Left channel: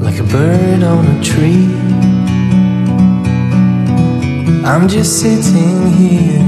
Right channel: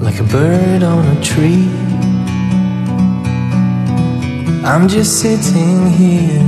like a bird on a tree. I'm just sitting here.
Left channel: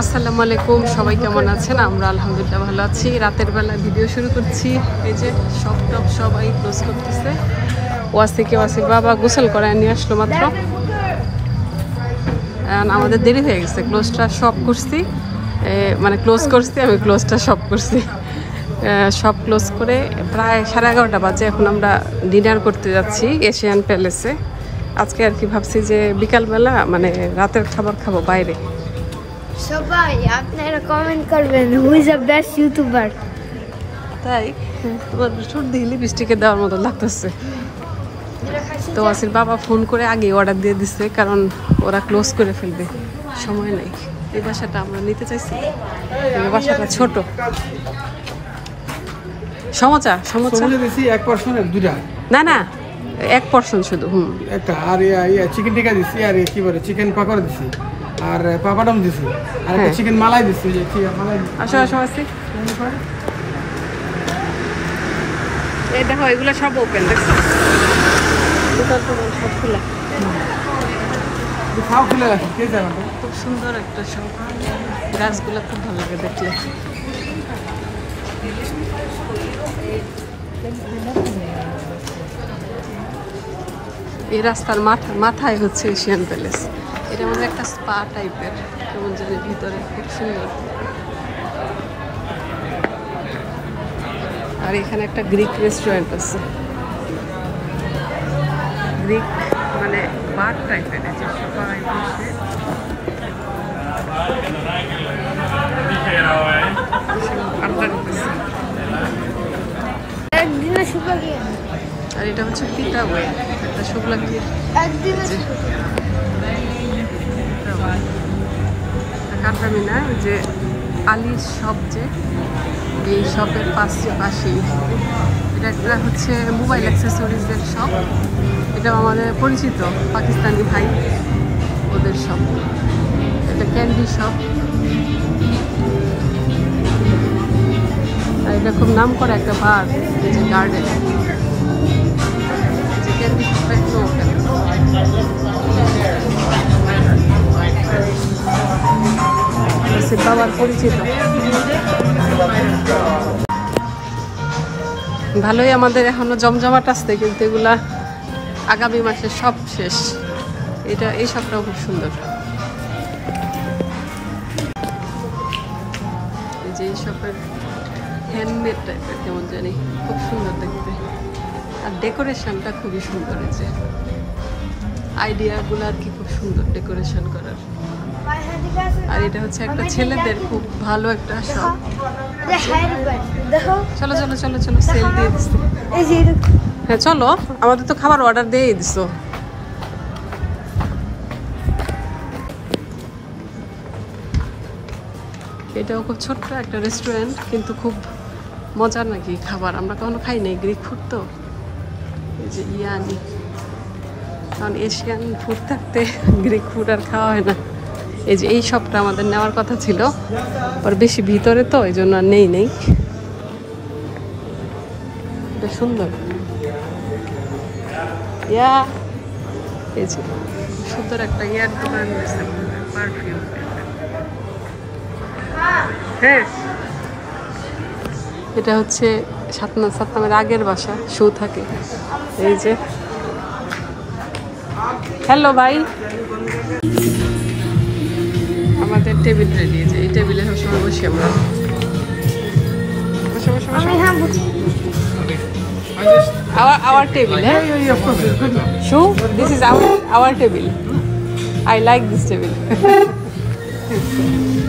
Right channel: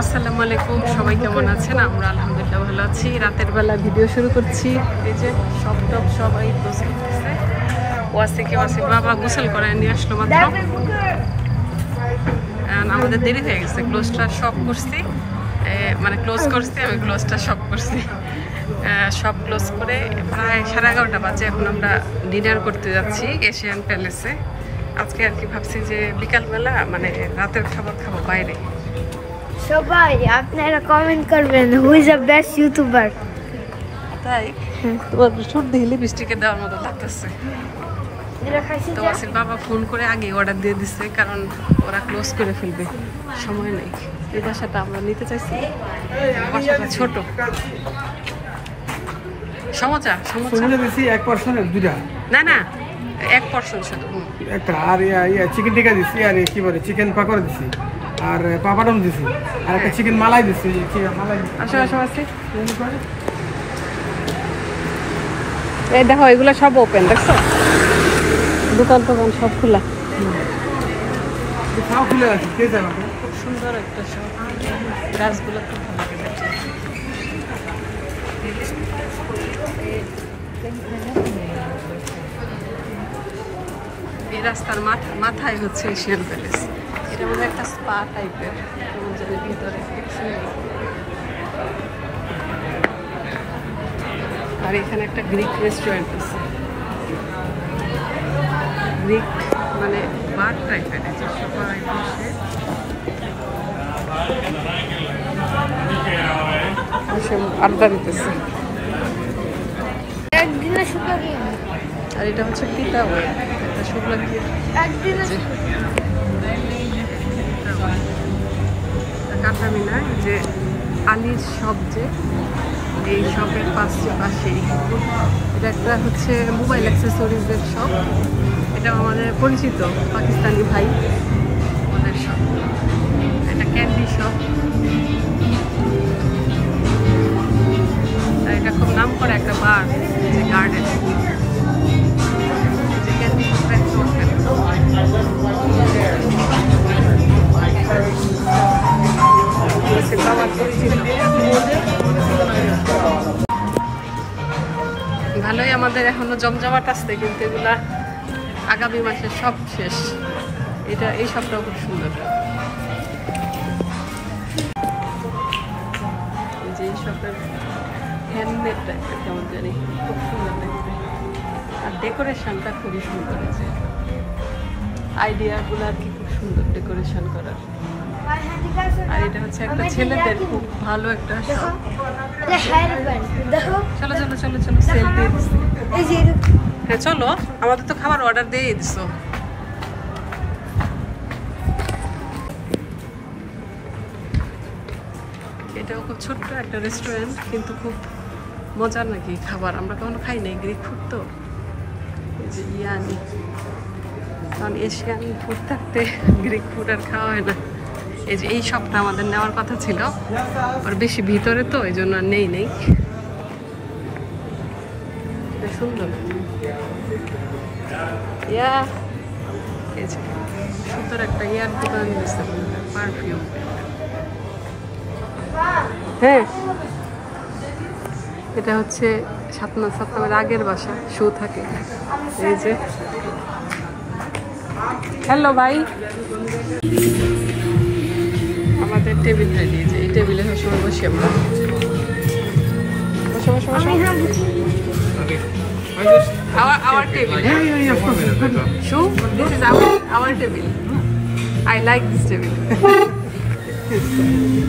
আসসালামু আলাইকুম, সবাই কেমন আছেন? আমরা আলহামদুলিল্লাহ ভালো আছি। রাতের বেলা ভিডিও শুরু করছি। এই যে সব টপ সবাই ক্লোজ করতেছে। ওয়াজ থেকে ওয়াসির বাবা গোসল করায় নিয়ে আসলো মাত্র। আমাদের দেরি হয়ে গেছে, ক্লোজটা সব করছি, মানে ক্লোজ করছি আমি, ক্লোজটা সব করছি। সব ক্লোজ করে প্রায় 11:30 বাজে। এখন আমরা ডিনার করতে যাচ্ছি এশিয়ান প্যালেসে। আজকে আর কি ভাবছি যে বিকালবেলা মানে রাতের খাবার খাবো বাইরে। সবাই আপনারা কমেন্ট করবেন who is the best YouTuber. তাই তোমার সর্দি লিপস্টিকে দেওয়ার মতো লাগতেছে। তো আসির বাবা ফোন করে আগে অর্ডার দিয়ে দিচ্ছে, কারণ ওরা ক্লোজ করে ফেলবে, সময় নেই। এই বাসাটা আমরা নিতে চাইছি, বাসাটা ছোট। সমোচা সমোচা বেশি এক পার্সনের দুটা না না, এক পোরশন শুধু। একটা আর চিকেন টিকা দিছি, আর কি বলে চিকেন পাকোড়া দিছি, আর পাপাডম দিছি, আর একটা চিকেন মালাই দিছি। মালাই আসো আসো আসি। এই দেখো এগুলো সব ওপেন, দেখছো? দোকান টোকান সব খোলা, খুলে রাখি। কে জানো খুব সুন্দর একটা শপ। গাছগুলো খুব ভালো লাগে দেখলে। এই রাস্তার মাথায় হচ্ছে এশিয়ান প্যালেস। এটার মধ্যে একটা স্পা টাইপের, কেমন জানি ভিতরে, খুব সুন্দর। আর এখানে একটা গ্রিক রেস্টুরেন্ট আছে, গ্রিক মানে বার টাইপের। সবাই বসে আড্ডা করতেছে। আর এটা হচ্ছে পিতা ওয়ে, একটা শুক্লা কাঠামিনা, যে আলির শপ, যে এই শপের পাশেই এটা একটা হচ্ছে মোবাইল অ্যাক্সেসরিজের শপ। এটা আমাদের পরিচিত পাকিস্তানি ভাই, ওদের শপ। এটা ক্যান্ডি শপ, আর এটা খুব নাম করা একটা বার, যে গার্ডেন, যে ক্যান্ডি শপ একটু ভালোই। আমাদের এখনো জমজমাট আসছে, কিন্তু এগুলা আগামী মাসে সব শেষ। এটা এই সবটাও খুব সুন্দর। এই যে এই শপের হ্যান্ডমেড টাইপের, কেমন জানি খুব সুন্দর দেখতে। আর ডেকোরেশনটা খুবই সুন্দর। এই যে আইডিয়াগুলো আর কি, খুব সুন্দর ডেকোরেশন করার। আর এটা হচ্ছে একটা ছেলেদের খুব ভালো একটা শপ। চলো চলো চলো চলো, সেল দিয়ে দিচ্ছে। হ্যাঁ চলো, আমাদের তো খাবার অর্ডার দিয়ে দিছো। এটাও খুব ছোট্ট একটা রেস্টুরেন্ট, কিন্তু খুব মজার নাকি খাবার। আমরা কখনো খাই নাই গ্রিক ফুড, তো এই যে ইয়ানি, কারণ এশিয়ান ফুড থাকতে গ্রিক ফুড আর খাওয়া হয় না। এই যে এই শপটা আমাদের নেওয়ার কথা ছিল, আর বেশি ভিতরে তো এই জন্য আর নেই। সুন্দর ইয়া, এই যে সুন্দর একটা ইয়ার দোকান দিয়েছে, পারফিউম। হ্যাঁ, এটা হচ্ছে সাতনামের আগের বাসা, শো থাকে। এই যে হ্যালো ভাই, আমাদের টেবিল রেডি। যে এই টেবিলে সবসময় বসি আমরা। Our table, eh? So this is our table. I like this table.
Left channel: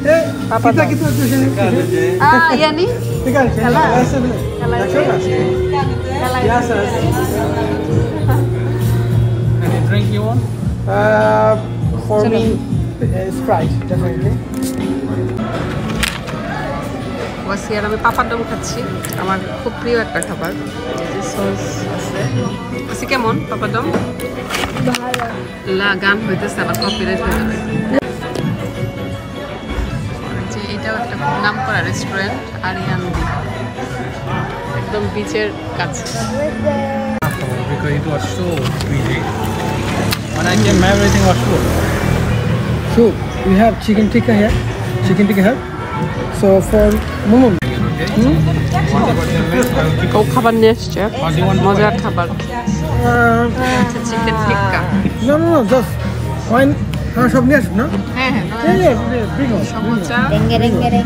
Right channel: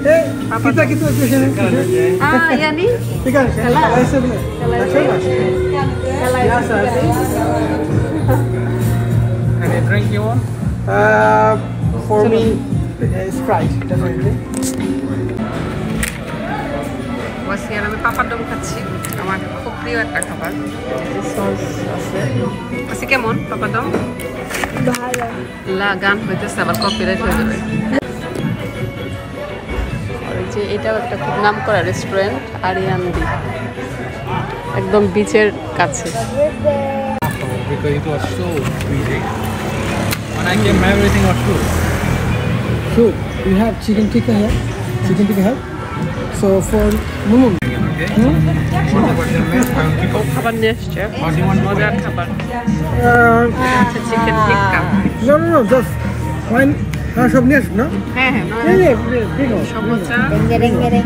Kita gitu sini. Iya nih. Tinggal sini. Biasa. Any drink you want? For me, Sprite definitely. বসে আর আমি পাপাডম খাচ্ছি, আমার খুব প্রিয় একটা খাবার। সস আছে। বসে কেমন পাপাডম? ভালো। গান হইতেছে, আবার কপিরাইট হয়ে যাবে। যে এটাও একটা খুব নাম করা রেস্টুরেন্ট, আরিয়ান্দি, একদম বিচের কাছে। Because it was so busy. When I came, everything was full. So we have chicken tikka here. Chicken tikka here. So for Momo. Whatever they make, I will pick O up. খাবার নিয়ে এসছে, What do you want? মজার খাবার। Chicken টিক্কা। No, just wine. সব নিয়ে আসুন না? হ্যাঁ হ্যাঁ, bring on. সমোসা, রেঙ্গে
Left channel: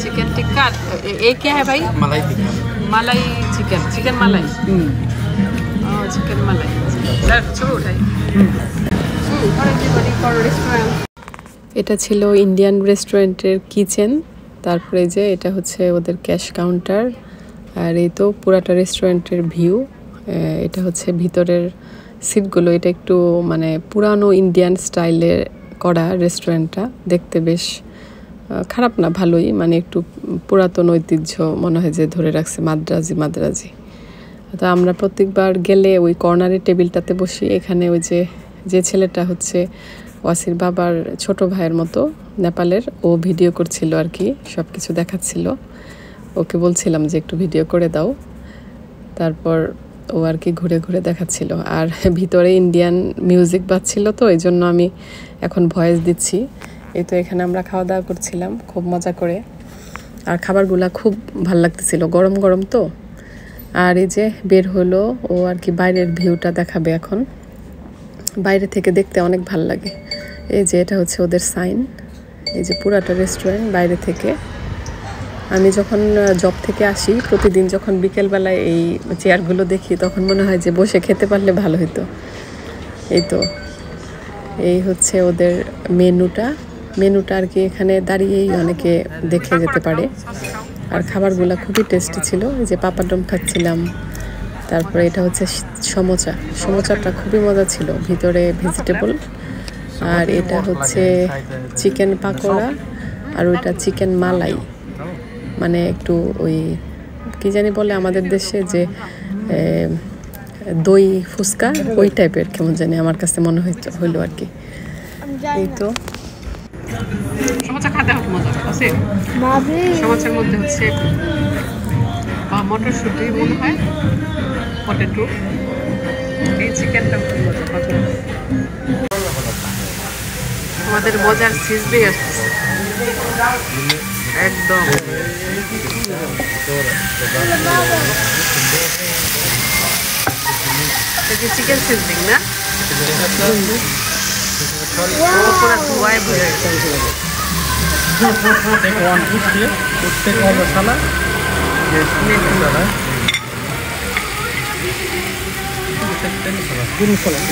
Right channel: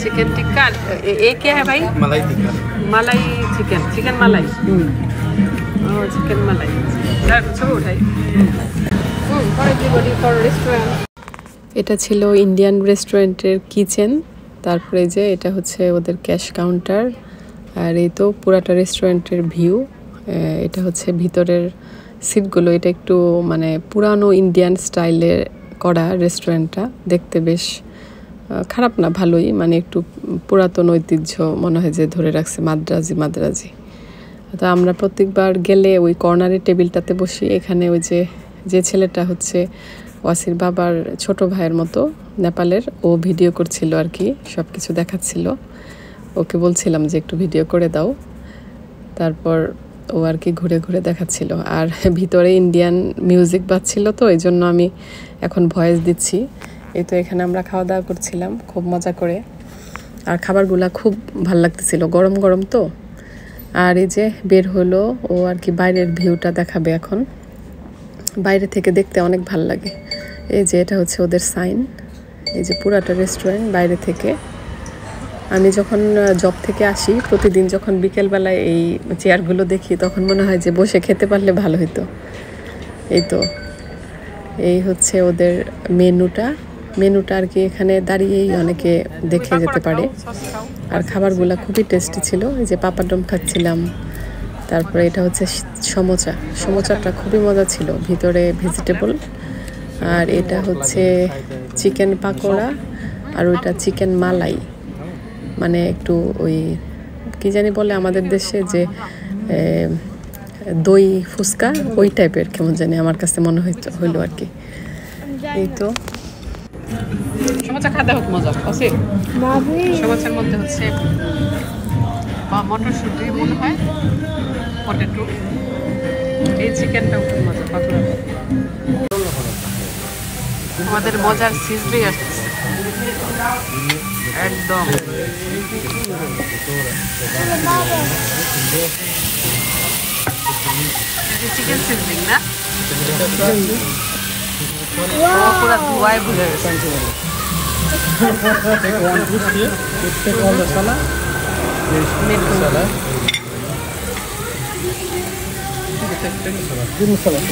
চিকেন টিক্কা। ये क्या है भाई? Malai tikka. মালাই চিকেন, চিকেন মালাই। ও চিকেন মালাই। স্যার ছবি উঠাই। এটা ছিল ইন্ডিয়ান রেস্টুরেন্টের কিচেন। তারপরে যে এটা হচ্ছে ওদের ক্যাশ কাউন্টার, আর এই তো পুরাটা রেস্টুরেন্টের ভিউ। এটা হচ্ছে ভিতরের সিটগুলো, এটা একটু মানে পুরানো ইন্ডিয়ান স্টাইলে করা রেস্টুরেন্টটা। দেখতে বেশ খারাপ না, ভালোই, মানে একটু পুরাতন ঐতিহ্য মনে হয় যে ধরে রাখছে, মাদ্রাজি। তো আমরা প্রত্যেকবার গেলে ওই কর্নারের টেবিলটাতে বসি। এখানে ওই যে ছেলেটা হচ্ছে ওয়াসির বাবার ছোট ভাইয়ের মতো, নেপালের, ও ভিডিও করছিল আর কি, সব কিছু দেখাচ্ছিল। ওকে বলছিলাম যে একটু ভিডিও করে দাও, তারপর ও আর কি ঘুরে ঘুরে দেখাচ্ছিল। আর ভিতরে ইন্ডিয়ান মিউজিক বাজছিল, তো এই জন্য আমি এখন ভয়েস দিচ্ছি। এই তো এখানে আমরা খাওয়া দাওয়া করছিলাম খুব মজা করে, আর খাবারগুলা খুব ভাল লাগতেছিল, গরম গরম তো। আর এই যে বের হলো ও আর কি বাইরের ভিউটা দেখাবে এখন। বাইরে থেকে দেখতে অনেক ভাল লাগে। এই যে এটা হচ্ছে ওদের সাইন, এই যে পুরাটা রেস্টুরেন্ট বাইরে থেকে। আমি যখন জব থেকে আসি প্রতিদিন, যখন বিকেলবেলায় এই চেয়ারগুলো দেখি, তখন মনে হয় যে বসে খেতে পারলে ভালো হতো। এই তো এই হচ্ছে ওদের মেনুটা আর কি, এখানে দাঁড়িয়েই অনেকে দেখে যেতে পারে। আর খাবারগুলো খুবই টেস্টি ছিল। এই যে পাপাডম খাচ্ছিলাম, তারপরে এটা হচ্ছে সমোচাটা খুবই মজা ছিল, ভিতরে ভেজিটেবল। আর এটা হচ্ছে চিকেন পাকোড়া, আর ওইটা চিকেন মালাই, মানে একটু ওই কি জানি বলে আমাদের দেশে যে দই ফুচকা, ওই টাইপের কেমন জানি আমার কাছে মনে হইলো আর কি। এই তো সমোসা খাতে হোক মজা আছে। সমোসার মধ্যে হচ্ছে মটরশুঁটি মনে হয়, পটেটো, এই চিকেনটা খুব মজা। আমাদের মজার সিজলি আসতেছে একদম। চিকেন সিজলিং না, পুরা ধোয়ায় ভরে গেছে। Take one piece here. Take all the salad. Salad. Give me salad.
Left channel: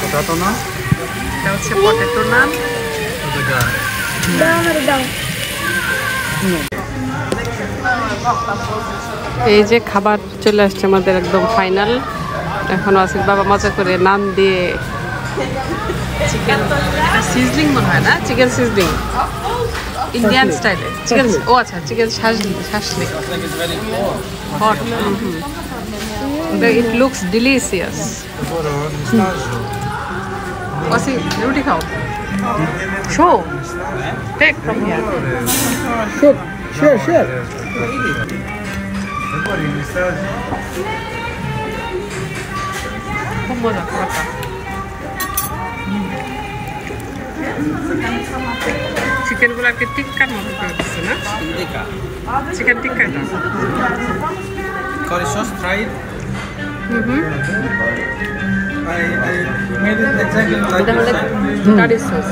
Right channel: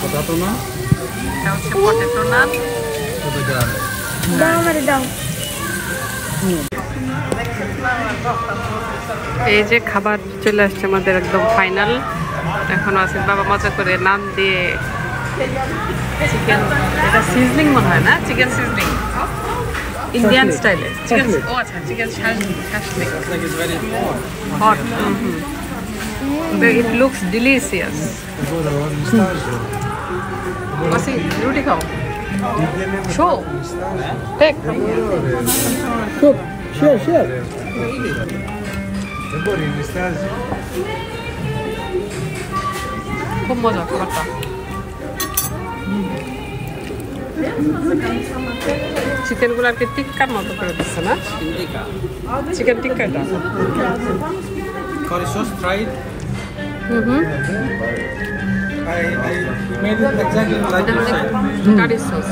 Potato naan. এটা হচ্ছে পটেটো নান। এই যে খাবার চলে আসছে আমাদের একদম ফাইনাল। এখন আসিফ বাবা মজা করে নান দিয়ে চিকেন, এটা সিজলিং মনে হয় না, চিকেন সিজলিং ইন্ডিয়ান স্টাইলে। চিকেন, ও আচ্ছা, chicken shashlik hot. It looks delicious. আসি রুটি খাও, so take from here. Sure. খুব মজা খাবারটা। চিকেনগুলো আর কি টিক্কার মতো করে দিচ্ছে না, চিকেন টিক্কা এটা। Curry sauce, try it. I made it exactly like এটা হলে this. কারি সস,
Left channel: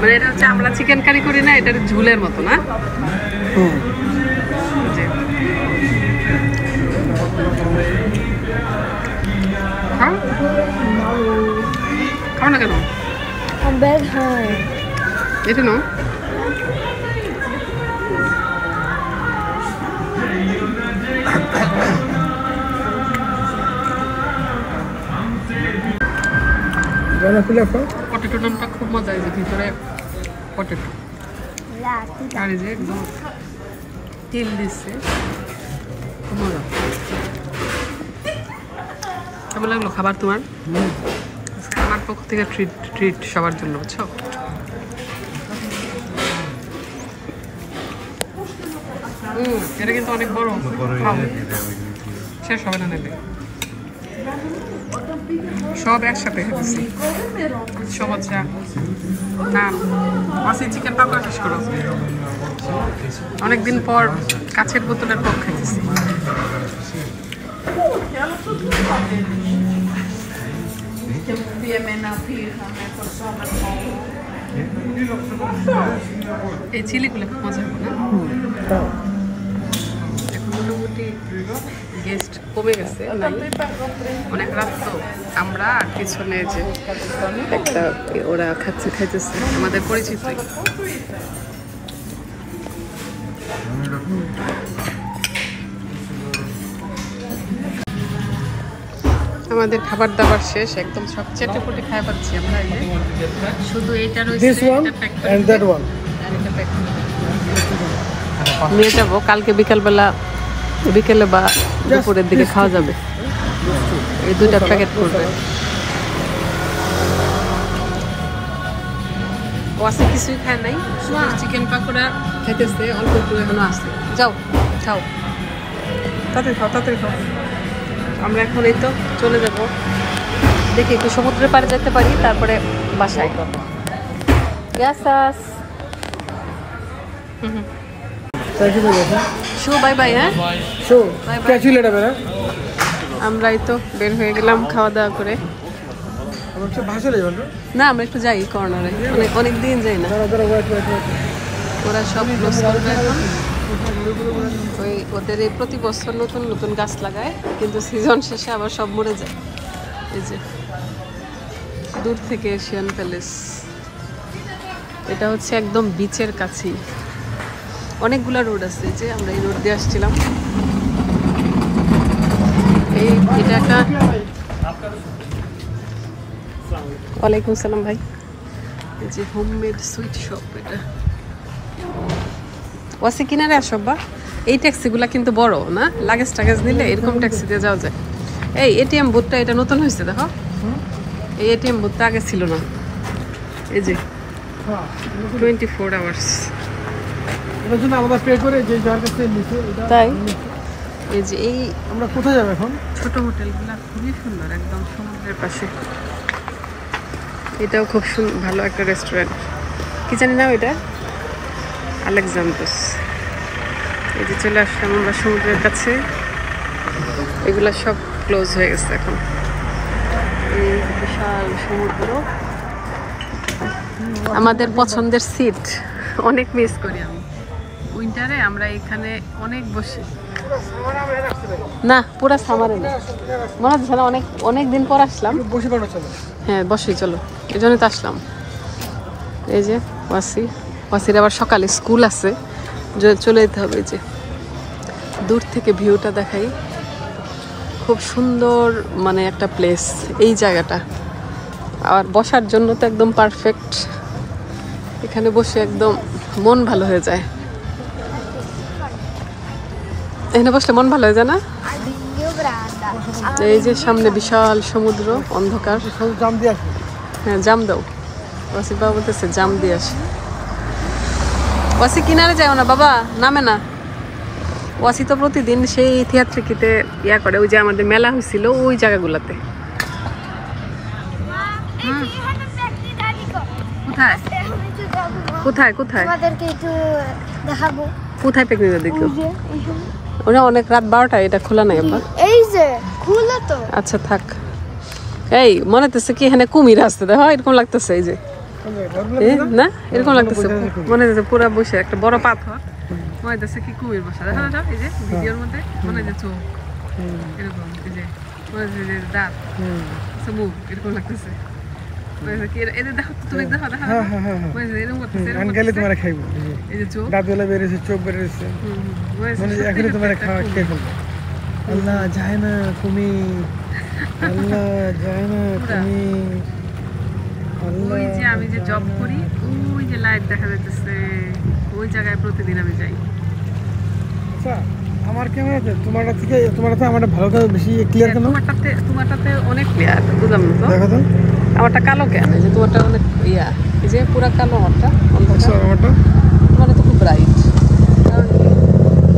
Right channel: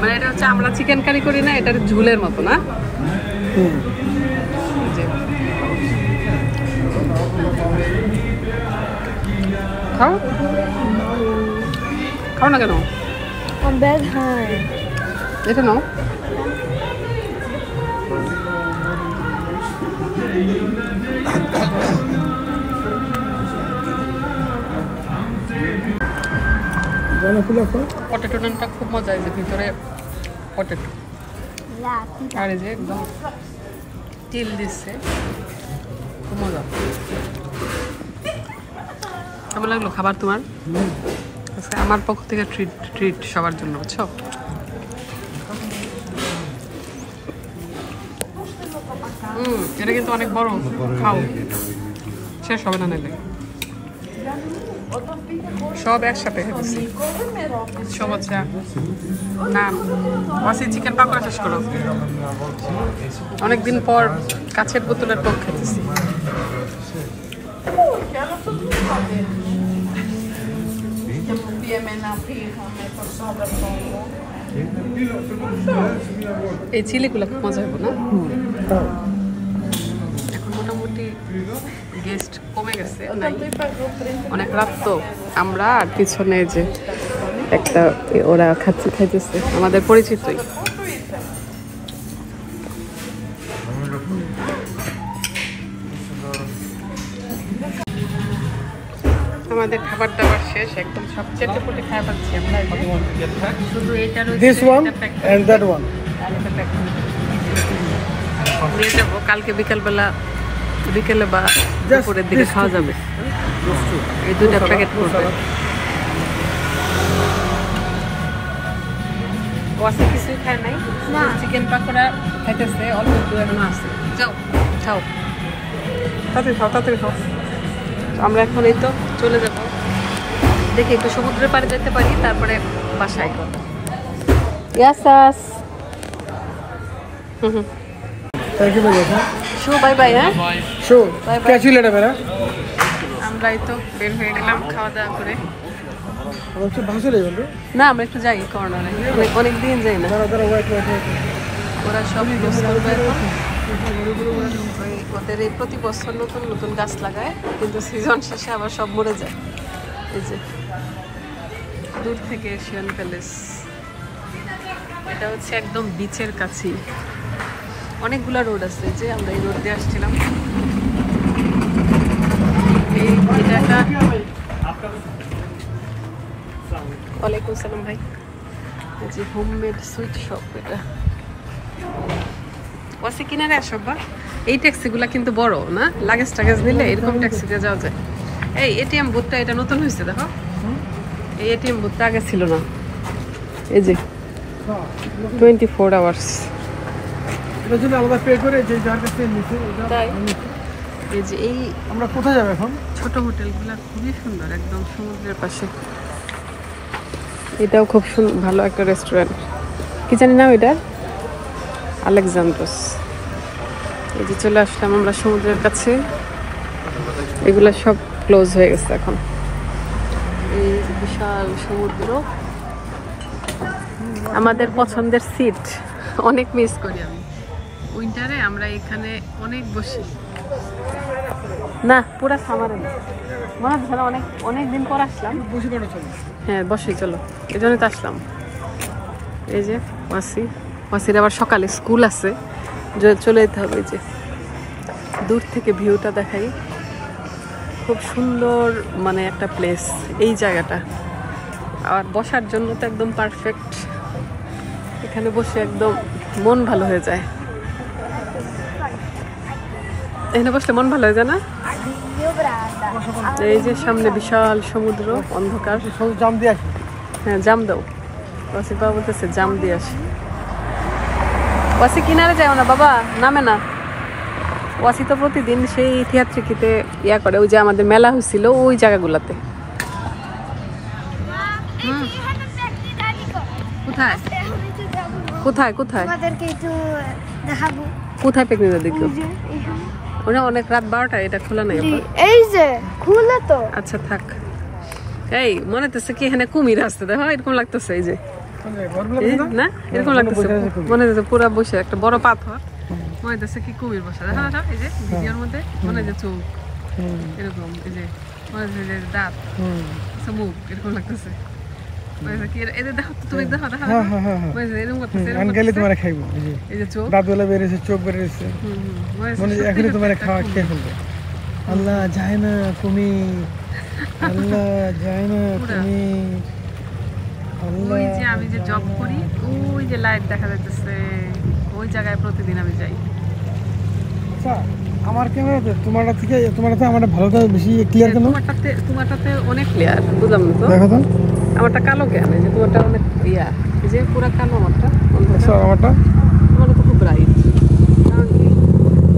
মানে এটা হচ্ছে আমরা চিকেন কারি করি না, এটার ঝুলের মতো না। খাও খাও না কেন I'm bad high. এটা নাও পটেটো নানটা খুব মজা এই যে ভিতরে পটেটো আর এই যে একদম তেল দিচ্ছে খুব মজা কেমন লাগলো খাবার তোমার আজকে আমার পক্ষ থেকে ট্রিট সবার জন্য বুঝছো এটা কিন্তু অনেক বড় খাও শেষ হবে না নিলে সব একসাথে খেতেছি সব আচ্ছা না ওয়াসি চিকেন পাকোড়া শেষ করো অনেকদিন পর কাছের বোতলের কোক খেতেছি এই চিলিগুলো খুব মজা হবে না এখন মোটামুটি গেস্ট কমে গেছে অনেক রাত তো আমরা আর পিছনে যে একটা ওরা খাইতেছে আমাদের পরিচিতই আমাদের খাবার দাবার শেষ একদম সব চেটে পুটে খাই পাচ্ছি আমরা শুধু এটা রয়েছে নিয়ে যাবো কালকে বিকেলে বা দুপুরের দিকে খাওয়া যাবে এই দুইটা প্যাকেট করবে ওয়াসি কিছুই খায় নাই চিকেন পাকোড়া খাইতেছে অল্প একটু এখনো আছে যাও খাও তাড়াতাড়ি খাও আমরা এখন এই তো চলে যাব দেখি একটু সমুদ্রের পাড়ে যেতে পারি তারপরে বাসায় শো বাই বাই হ্যাঁ শো বাই বাই আমরা এই তো বের হয়ে গেলাম খাওয়া দাওয়া করে না আমরা একটু যাই কর্নারে অনেক দিন যাই না ওরা সব ক্লোজ করবে এখন ওই ওদের এই প্রতি বছর নতুন নতুন গাছ লাগায় কিন্তু সিজন শেষে আবার সব মরে যায় এই যে দূর থেকে এশিয়ান প্যালেস এটা হচ্ছে একদম বিচের কাছেই অনেকগুলা রোড আছে যে আমরা এই রোড দিয়ে আসছিলাম এটা একটা ওয়ালাইকুম সালাম ভাই এই যে হোমমেড সুইট শপ এটা ওয়াসি কিনারে আসো বা এই ট্যাক্সিগুলা কিন্তু বড় না লাগেজ টাগেজ নিলে এরকম ট্যাক্সি দিয়ে যাওয়া যায় এই এটিএম বুথটা এটা নতুন হয়েছে দেখো এই এটিএম বুথটা আগে ছিল না এই যে 24 আওয়ার্স এর জন্য আমরা পে করে যে যার কাছে নিতে এটা তাই এই যে এই আমরা কোথায় যাব এখন ছোট হোটেলগুলা খুবই সুন্দর একদম সমুদ্রের পাশে এটাও খুব ভালো একটা রেস্টুরেন্ট কি জানি নাম এটা আলেকজান্দ্রোস এই যে চলে আসলাম আমরা সমুদ্রের কাছে এগুলো সব ক্লোজ হয়ে গেছে এখন এই বিশাল সমুদ্র আমাদের পছন্দের সিট অনেক মিস করি আমি উইন্টারে আমরা এখানে অনেক বসি না পুরা সামারে না মনে হচ্ছে না অনেক দিন পর আসলাম হ্যাঁ বসি চলো এই জন্যই তো আসলাম এই যে ওয়াসির আবার সকালে স্কুল আছে চলে যেতে হবে যে দূর থেকে ভিউটা দেখাই খুব সুন্দর মানে একটা প্লেস এই জায়গাটা আর বসার জন্য তো একদম পারফেক্ট এখানে বসে একদম মন ভালো হয়ে যায় এখানে বসলে মন ভালো হয়ে যায় না এই যে সামনে বিশাল সমুদ্র অন্ধকার হ্যাঁ জাম দাও ওয়াসি বাবা বলতেছে জাম দিয়ে আসে ওয়াসি কিনারে যায় না বাবা নামে না ওয়াসি তো প্রতিদিন সেই থিয়েট্রিকিতে ইয়া করে ওই যে আমাদের মেলা হয়েছিল ওই জায়গাগুলোতে কোথায় কোথায় কোথায় তোমাদেরকে একটু দেখাবো কোথায় পিকনিক দেখো ওরা অনেক রাত 12টা এটা খোলা নাই আপা এই যে খুলে তো আচ্ছা থাক এই মনে হচ্ছে কি এখানে কুমির আসতে দেখো এরকম লাগতেছে এই যে না এরকম লাগতেছে মনে হচ্ছে পুরো বসে একটা বড় পাথর মনে হচ্ছে কি কুমির বসা দেখা না এই যে ভিডিওর মধ্যে মনে হচ্ছে চোখ এরকম এই যে ওয়াজিরের দাঁত মুখ এরকম লাগতেছে। এদের দেখো তুমি দেখো দেখো এরকম করতেছে তোমার খাইব এই যে চোখ দাঁতগুলো বেরিয়েছে চোখ বেরিয়েছে এখন তোমার খাওয়া খেয়ে ফেলবো। আল্লাহ যায় না তুমি, আল্লাহ যায় না তুমি। ওই যে আমি যে জব করি ওই যে লাইট দেখা যাইতেছে ওই জায়গায় প্রতিদিন আমি যাই। আমার কেন তোমারটা থেকে আমার ভালো করে বেশি ক্লিয়ার কেন? তোমারটাতে অনেক ক্লিয়ার, বুঝলাম না তো দেখো তো আমারটা কালো কেন? এই যে তোমারটা অনেক ইয়া, এই যে পুরা কালো আমারটা, অন্ধকার। আমারটা তোমারটা তো খুব ব্রাইট। কারণ কি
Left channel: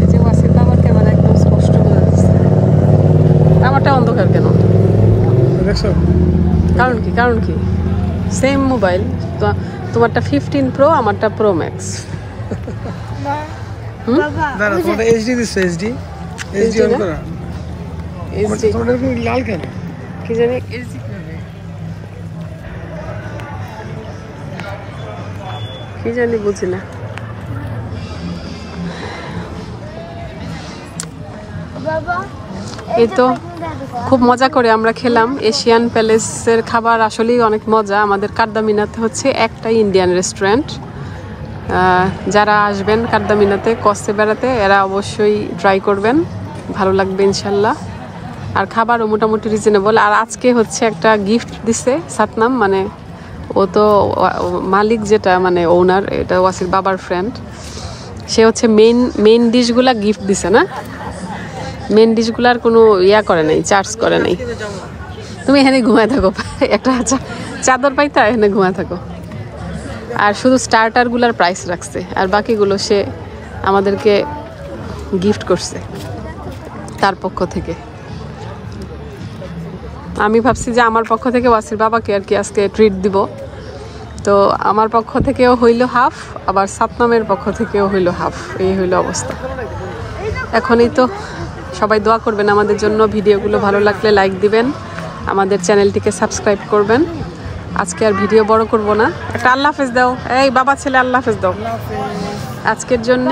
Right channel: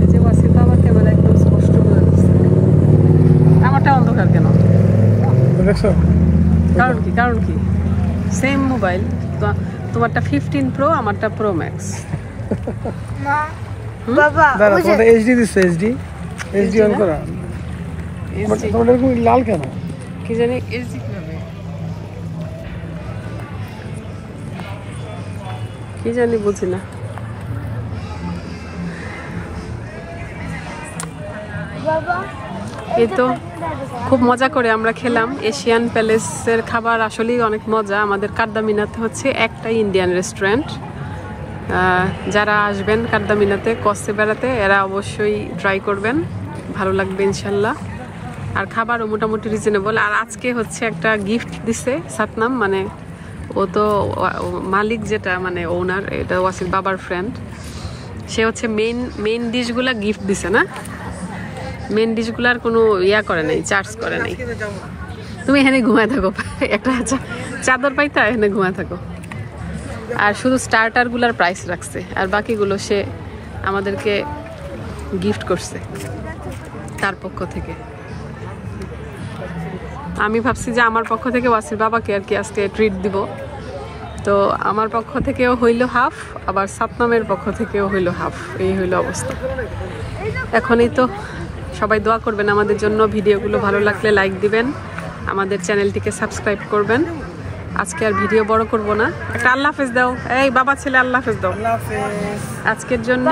এই যে ওয়াসির বাবার ক্যামেরা একদম স্পষ্ট বোঝা যাচ্ছে, আমারটা অন্ধকার কেন? দেখছো কারণ কি সেম মোবাইল, তোমারটা 15 Pro, আমারটা Pro Max। মা বাবা দাঁড়া, ওই যে তোমারটা এইচডি দিচ্ছে, এইচডি অন করা। তোমারটা এরকম লাল কেন? কি জানি এইচডি কিভাবে, কি জানি বুঝি না। বাবা এই তো খুব মজা করে আমরা খেলাম। এশিয়ান প্যালেসের খাবার আসলেই অনেক মজা। আমাদের কারদামিনাতে হচ্ছে একটাই ইন্ডিয়ান রেস্টুরেন্ট। যারা আসবেন কারদামিনাতে কস্তে বেড়াতে এরা অবশ্যই ট্রাই করবেন, ভালো লাগবে ইনশাল্লাহ। আর খাবারও মোটামুটি রিজনেবল। আর আজকে হচ্ছে একটা গিফট দিছে সাতনাম, মানে ও তো মালিক যেটা মানে ওনার, এটা ওয়াসির বাবার ফ্রেন্ড, সে হচ্ছে মেইন ডিশগুলা গিফট দিছে না, মেন ডিশগুলার কোনো ইয়া করে নাই, চার্জ করে নাই। তুমি এখানে ঘুমায় থাকো, একটা চাদর পাইতা এখানে ঘুমায় থাকো। আর শুধু স্টার্টারগুলার প্রাইস রাখছে, আর বাকিগুলো সে আমাদেরকে গিফট করছে তার পক্ষ থেকে। আমি ভাবছি যে আমার পক্ষ থেকে ওয়াসির বাবাকে আর কি আজকে ট্রিট দিব, তো আমার পক্ষ থেকেও হইল হাফ, আবার সাতনামের পক্ষ থেকেও হইল হাফ, এই হইল অবস্থা। এখনই তো সবাই দোয়া করবেন আমাদের জন্য, ভিডিওগুলো ভালো লাগলে লাইক দিবেন, আমাদের চ্যানেলটিকে সাবস্ক্রাইব করবেন। আজকে আর ভিডিও বড় করব না, একটা আল্লাহ হাফেজ দাও, এই বাবা ছেলে আল্লাহ হাফেজ দাও আল্লাহ হাফেজ। আজকের জন্য।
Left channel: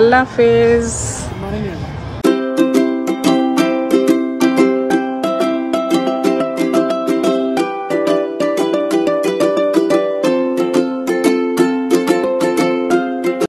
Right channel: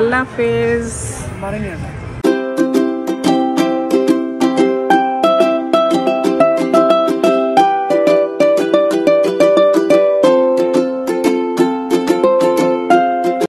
আল্লাহ হাফেজ।